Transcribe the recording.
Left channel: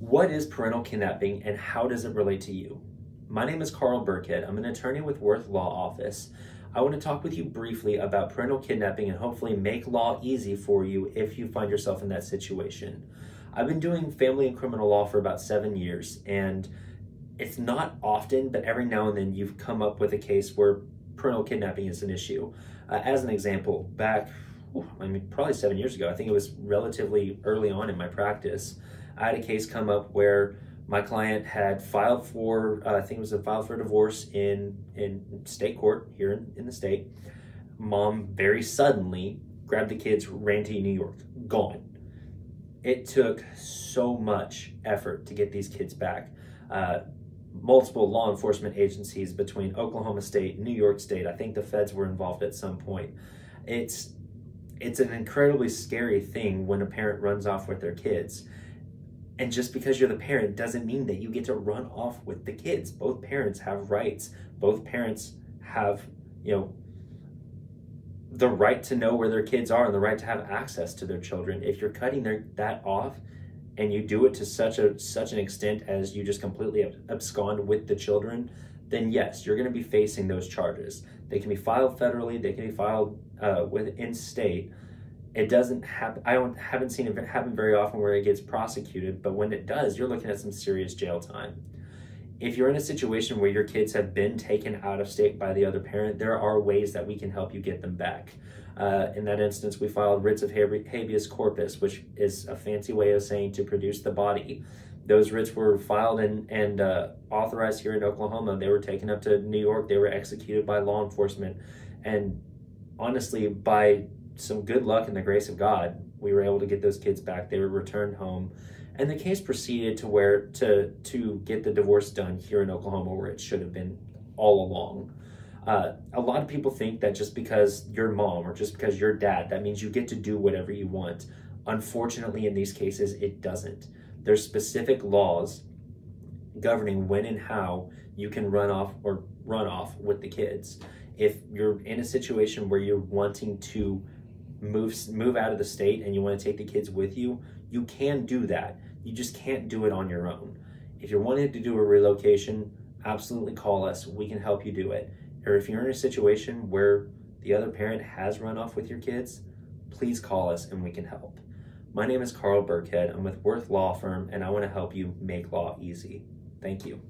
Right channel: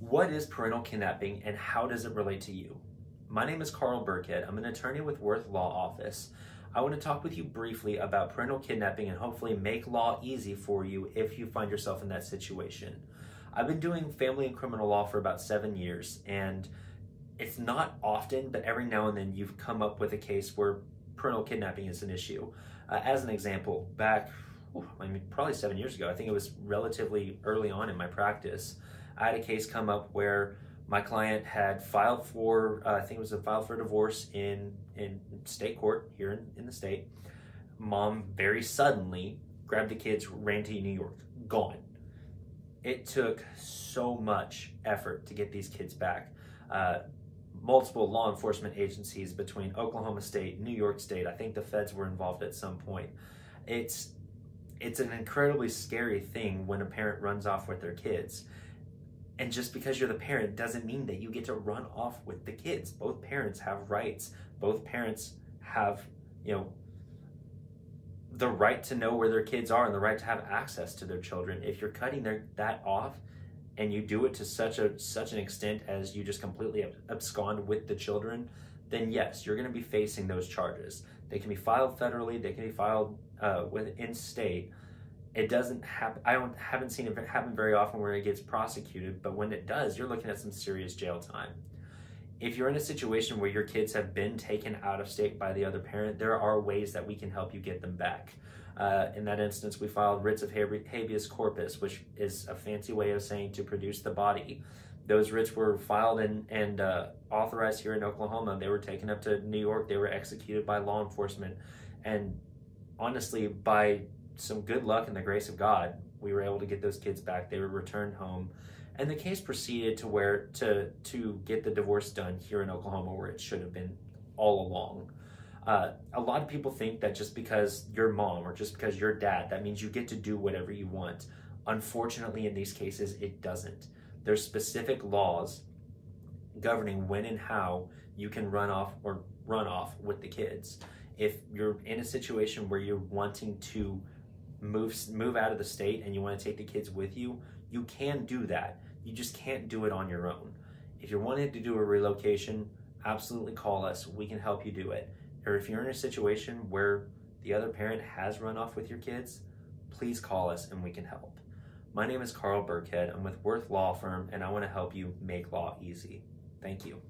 What is parental kidnapping and how does it relate to you? My name is Carl Burkhead. I'm an attorney with Worth Law Office. I want to talk with you briefly about parental kidnapping and hopefully make law easy for you if you find yourself in that situation. I've been doing family and criminal law for about 7 years, and it's not often, but every now and then you've come up with a case where parental kidnapping is an issue. As an example, back probably 7 years ago, I think it was relatively early on in my practice, I had a case come up where my client had filed for, I think it was filed for divorce in state court here in the state. Mom very suddenly grabbed the kids, ran to New York, gone. It took so much effort to get these kids back. Multiple law enforcement agencies between Oklahoma State, New York State, I think the feds were involved at some point. It's an incredibly scary thing when a parent runs off with their kids. And just because you're the parent doesn't mean that you get to run off with the kids. Both parents have rights. Both parents have, the right to know where their kids are and the right to have access to their children. If you're cutting that off and you do it to such an extent as you just completely abscond with the children, then yes, you're going to be facing those charges. They can be filed federally. They can be filed in state. It doesn't happen. I haven't seen it happen very often where it gets prosecuted, but when it does, you're looking at some serious jail time. If you're in a situation where your kids have been taken out of state by the other parent, there are ways that we can help you get them back. In that instance, we filed writs of habeas corpus, which is a fancy way of saying to produce the body. Those writs were filed and authorized here in Oklahoma. They were taken up to New York. They were executed by law enforcement. And honestly, by some good luck and the grace of God, we were able to get those kids back. They were returned home. And the case proceeded to get the divorce done here in Oklahoma where it should have been all along. A lot of people think that just because you're mom or just because you're dad, that means you get to do whatever you want. Unfortunately, in these cases, it doesn't. There's specific laws governing when and how you can run off with the kids. If you're in a situation where you're wanting to move out of the state and you want to take the kids with you, you can do that. You just can't do it on your own. If you're wanting to do a relocation, absolutely call us. We can help you do it. Or if you're in a situation where the other parent has run off with your kids, please call us and we can help. My name is Carl Burkhead. I'm with Worth Law Firm and I want to help you make law easy. Thank you.